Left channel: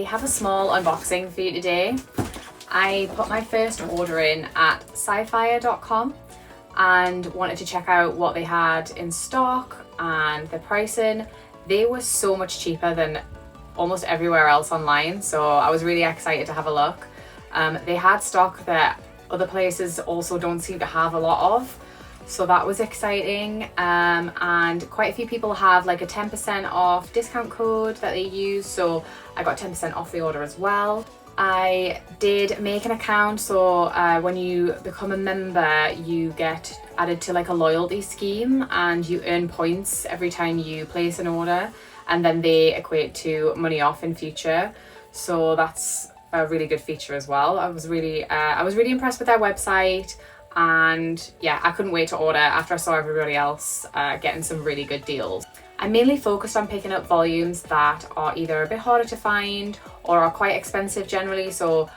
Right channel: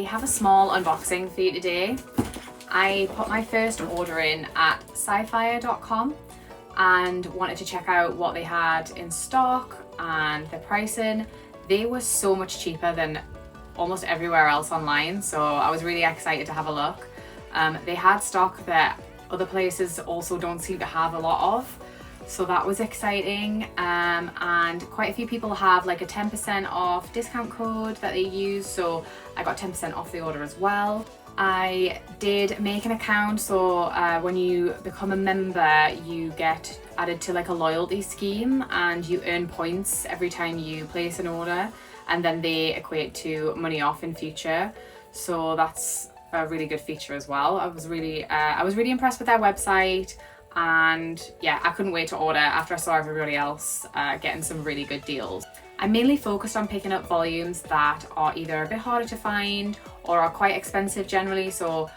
I have a small unboxing for you today. I put my first order in at SciFier.com and wanted to check out what they had in stock and the pricing. They were so much cheaper than almost everywhere else online, so I was really excited to have a look. They had stock that other places also don't seem to have a lot of, so that was exciting. And quite a few people have like a 10% off discount code that they use, so I got 10% off the order as well. I did make an account, so when you become a member you get added to like a loyalty scheme and you earn points every time you place an order, and then they equate to money off in future, so that's a really good feature as well. I was really impressed with their website, and yeah, I couldn't wait to order after I saw everybody else getting some really good deals. I mainly focused on picking up volumes that are either a bit harder to find or are quite expensive generally, so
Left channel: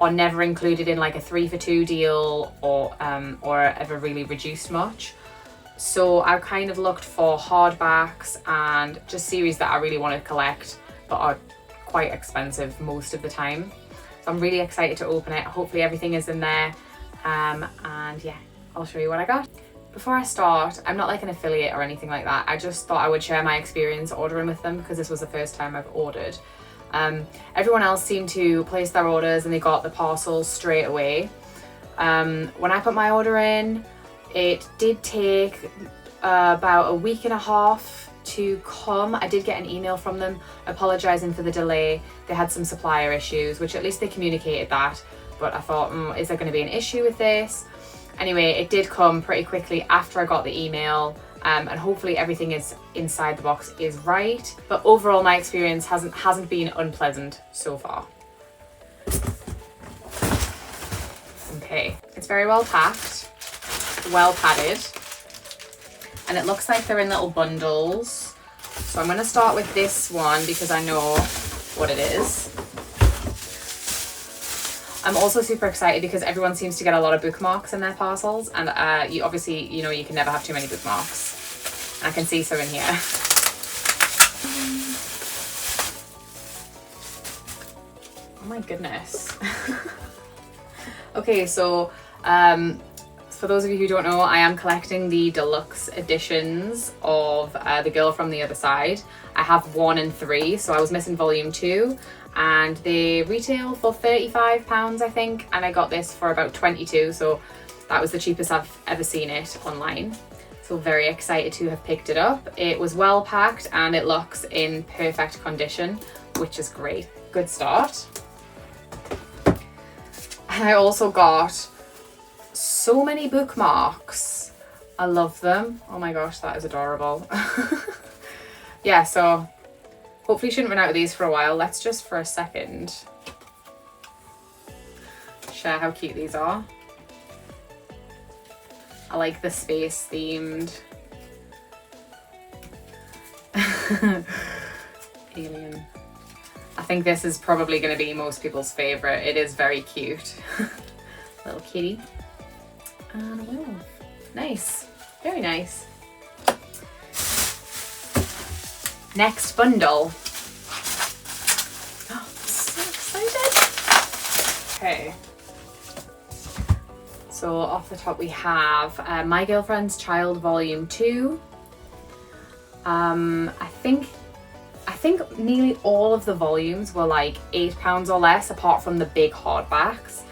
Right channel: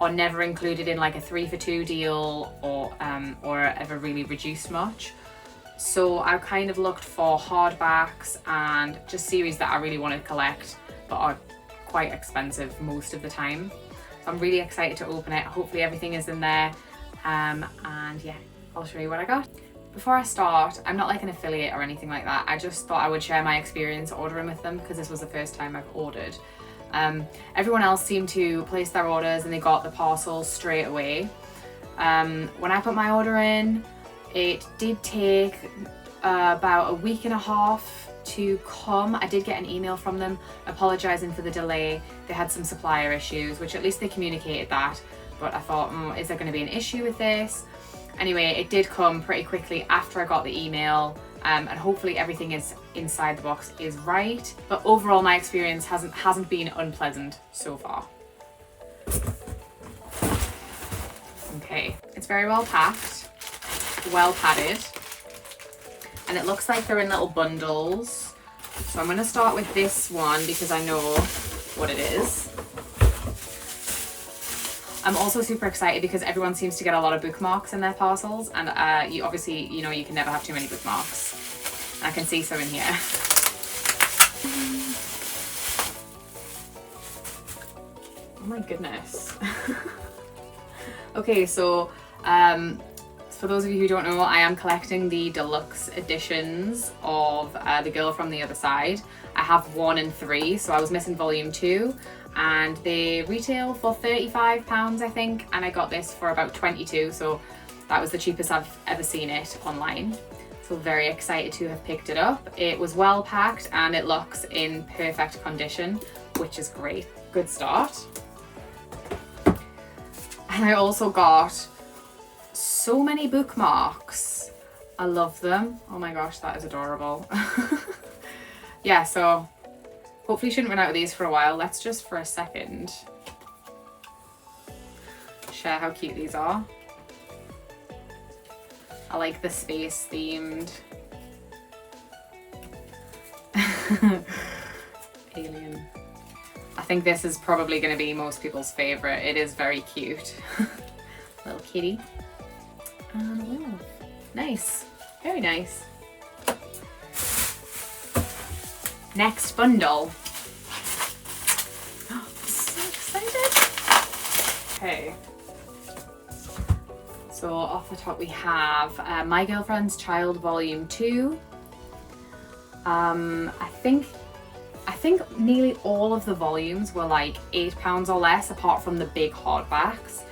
are never included in like a 3 for 2 deal or ever really reduced much. So I kind of looked for hardbacks and just series that I really want to collect but are quite expensive most of the time. So I'm really excited to open it. Hopefully everything is in there. And yeah, I'll show you what I got. Before I start, I'm not like an affiliate or anything like that. I just thought I would share my experience ordering with them because this was the first time I've ordered. Everyone else seemed to place their orders and they got the parcel straight away. When I put my order in, it did take about a week and a half to come. I did get an email from them apologising for the delay. They had some supplier issues, which at least they communicated that. But I thought, is there going to be an issue with this? Anyway, it did come pretty quickly after I got the email, and hopefully everything is inside the box is right. But overall, my experience hasn't been unpleasant so far. Okay, it's very well packed, well padded, and it looks like they're in little bundles. So I'm going to start with this one because I know what it is. I'm also super excited because everyone seems to get a lot of bookmarks in their parcels, and you obviously, you know, you can never have too many bookmarks. I can see some in here. Oh my goodness. Okay, so for those of you who don't know, I am collecting the deluxe editions of The Girl from the Other Side. I have 1 and 3, so I was missing volume 2. And they retail for £35 I think, and I got this for about 22, so that was the cheapest I've ever seen it online. So very excited to have picked it up. It was well packed and it looks in perfect condition, which is great. Good start. And I also got so many bookmarks. I love them. Oh my gosh, that is adorable. Yeah, so hopefully shouldn't run out of these for a while. Let's just for a second share how cute these are. I like the space themed. Alien. I think this is probably going to be most people's favourite. It is very cute. Little kitty. And a wolf. Nice. Very nice. Next bundle. Oh, I'm so excited. Okay. So off the top we have My Girlfriend's Child Volume 2. I think nearly all of the volumes were like £8 or less, apart from the big hardbacks,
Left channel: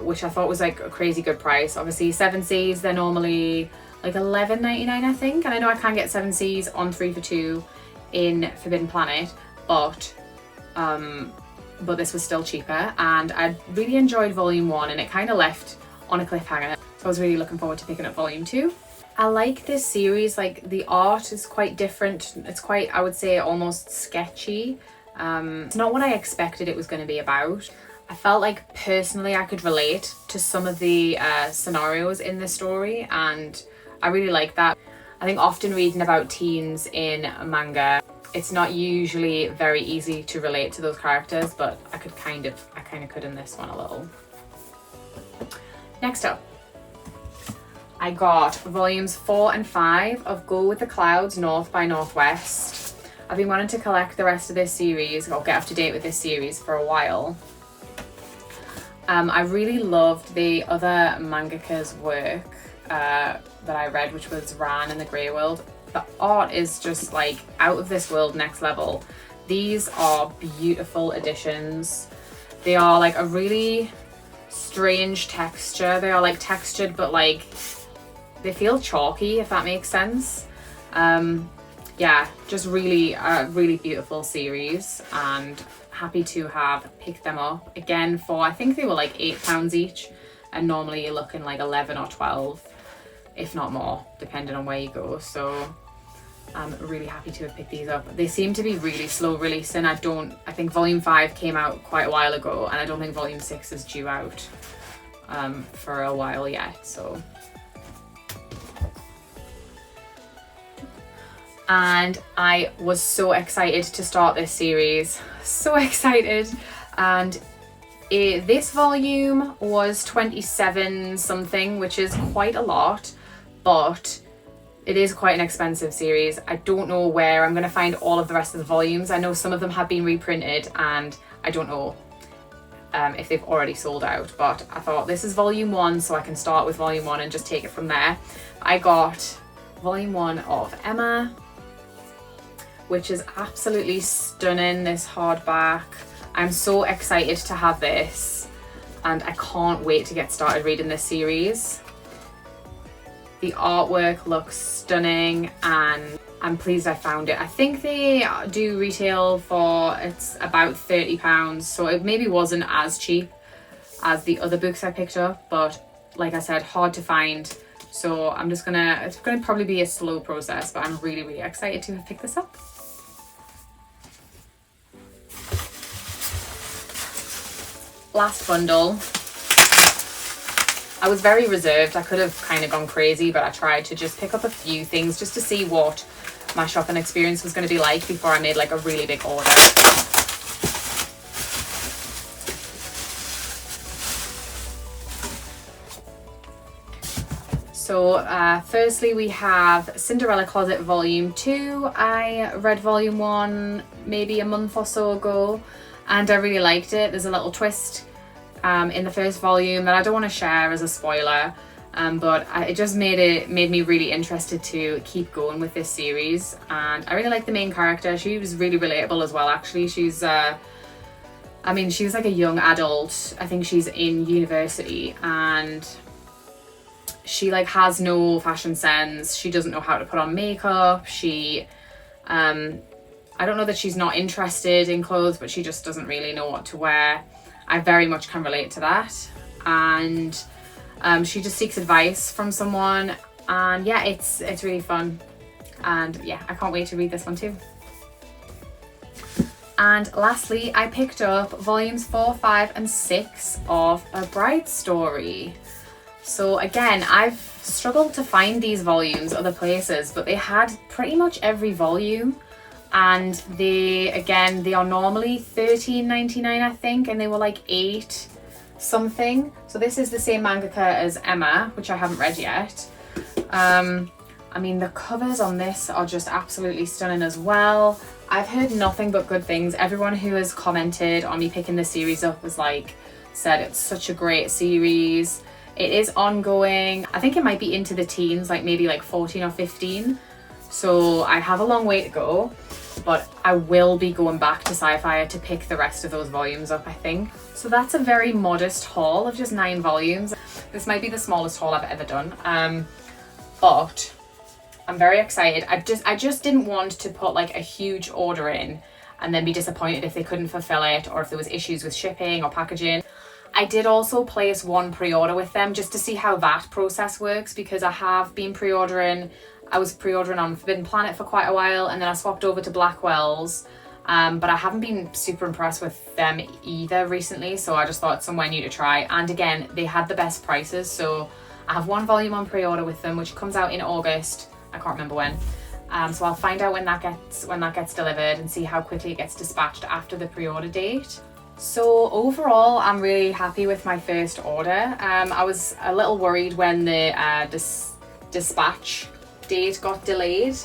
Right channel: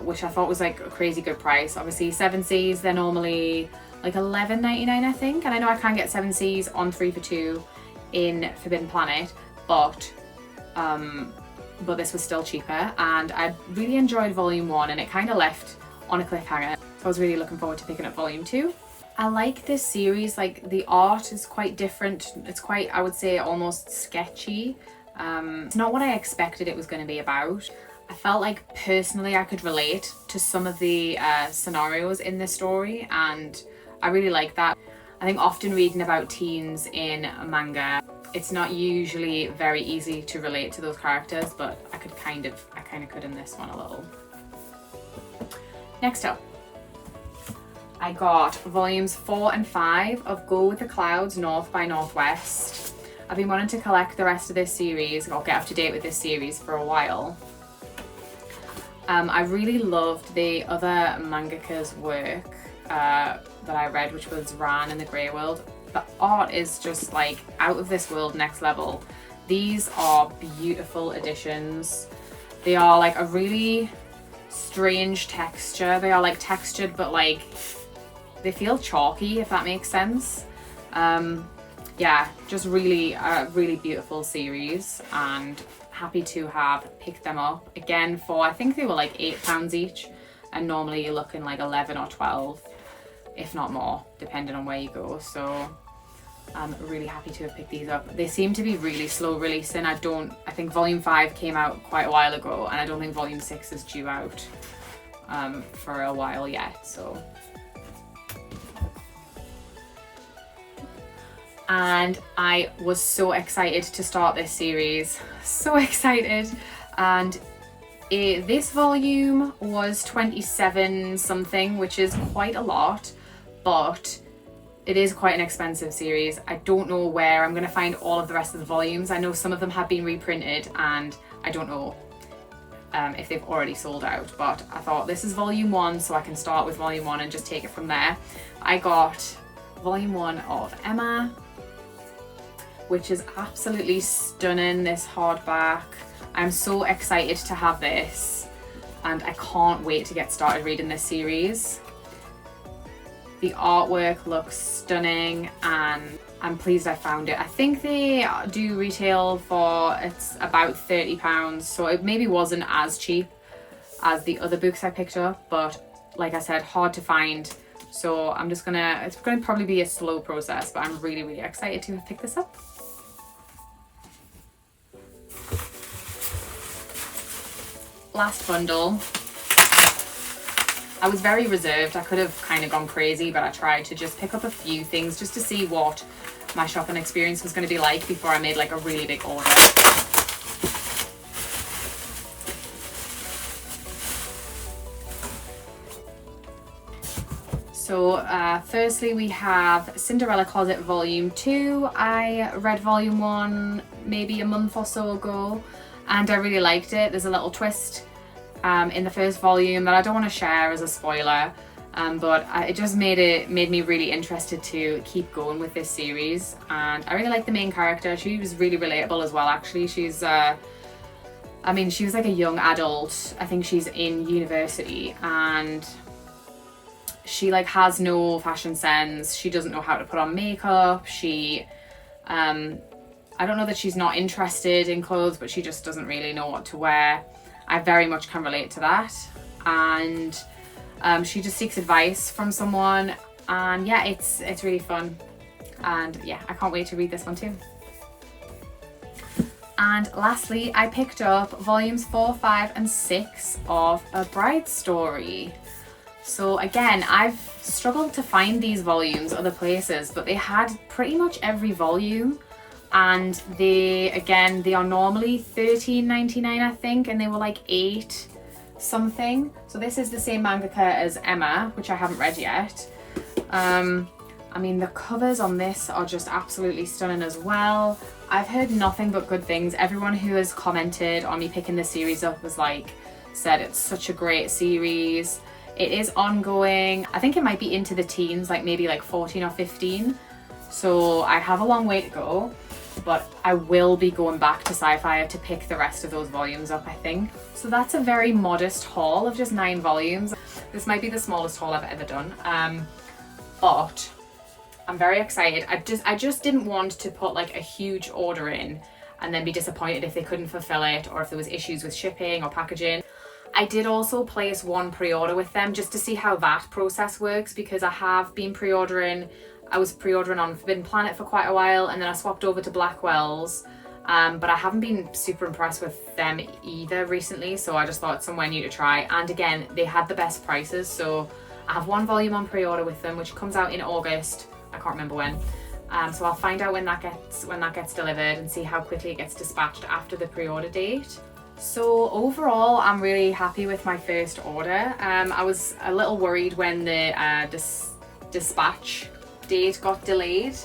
which I thought was like a crazy good price. Obviously 7Cs, they're normally like $11.99 I think, and I know I can get 7Cs on 3 for 2 in Forbidden Planet, but this was still cheaper, and I really enjoyed volume 1 and it kind of left on a cliffhanger, so I was really looking forward to picking up volume 2. I like this series, like the art is quite different. It's quite, I would say, almost sketchy. It's not what I expected it was going to be about. I felt like personally I could relate to some of the scenarios in this story, and I really like that. I think often reading about teens in manga, it's not usually very easy to relate to those characters, but I kind of could in this one a little. Next up, I got volumes 4 and 5 of Go with the Clouds North by Northwest. I've been wanting to collect the rest of this series or get up to date with this series for a while. I really loved the other mangaka's work that I read, which was Ran and the Grey World. The art is just like out of this world, next level. These are beautiful editions. They are like a really strange texture. They are like textured, but like they feel chalky, if that makes sense. Yeah, just really a really beautiful series, and happy to have picked them up again for, I think they were like £8 each, and normally you're looking like 11 or 12, if not more, depending on where you go. So I'm really happy to have picked these up. They seem to be really slow releasing. I think volume 5 came out quite a while ago, and I don't think volume 6 is due out for a while yet. So, and I was so excited to start this series, so excited. And this volume was 27 something, which is quite a lot, but it is quite an expensive series. I don't know where I'm going to find all of the rest of the volumes. I know some of them have been reprinted, and I don't know if they've already sold out, but I thought this is volume 1, so I can start with volume 1 and just take it from there. I got volume 1 of Emma, which is absolutely stunning, this hardback. I'm so excited to have this, and I can't wait to get started reading this series. The artwork looks stunning, and I'm pleased I found it. I think they do retail for, it's about £30, so it maybe wasn't as cheap as the other books I picked up, but like I said, hard to find. So I'm just gonna, it's gonna probably be a slow process, but I'm really, really excited to have picked this up. Last bundle. I was very reserved. I could have kind of gone crazy, but I tried to just pick up a few things just to see what my shopping experience was going to be like before I made like a really big order. So firstly we have Cinderella Closet Volume 2. I read Volume 1 maybe a month or so ago, and I really liked it. There's a little twist in the first volume that I don't want to share as a spoiler, but it just made me really interested to keep going with this series. And I really like the main character. She was really relatable as well, actually. She's I mean, she was like a young adult. I think she's in university, and she like has no fashion sense. She doesn't know how to put on makeup. She I don't know that she's not interested in clothes, but she just doesn't really know what to wear. I very much can relate to that. And she just seeks advice from someone, and yeah, it's really fun. And yeah, I can't wait to read this one too. And lastly, I picked up volumes 4, 5 and 6 of A Bride's Story. So again, I've struggled to find these volumes other places, but they had pretty much every volume. And they are normally $13.99, I think, and they were like $8 something. So this is the same mangaka as Emma, which I haven't read yet. I mean, the covers on this are just absolutely stunning as well. I've heard nothing but good things. Everyone who has commented on me picking this series up has said it's such a great series. It is ongoing. I think it might be into the teens, like maybe like 14 or 15. So I have a long way to go, but I will be going back to SciFier to pick the rest of those volumes up, I think. So that's a very modest haul of just 9 volumes. This might be the smallest haul I've ever done, but I'm very excited. I just didn't want to put like a huge order in and then be disappointed if they couldn't fulfill it, or if there was issues with shipping or packaging. I did also place one pre-order with them just to see how that process works, because I have been pre-ordering. I was pre-ordering on Forbidden Planet for quite a while, and then I swapped over to Blackwell's, but I haven't been super impressed with them either recently, so I just thought it's somewhere new to try. And again, they had the best prices, so I have 1 volume on pre-order with them, which comes out in August. I can't remember when. So I'll find out when that gets delivered and see how quickly it gets dispatched after the pre-order date. So overall, I'm really happy with my first order. I was a little worried when the dispatch date got delayed,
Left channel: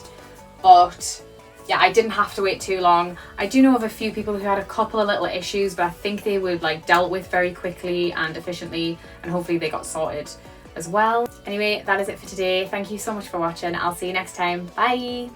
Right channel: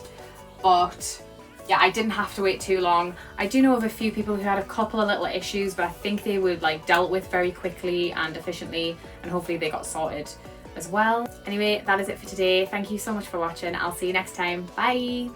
but yeah, I didn't have to wait too long. I do know of a few people who had a couple of little issues, but I think they were like dealt with very quickly and efficiently, and hopefully they got sorted as well. Anyway, that is it for today. Thank you so much for watching. I'll see you next time. Bye.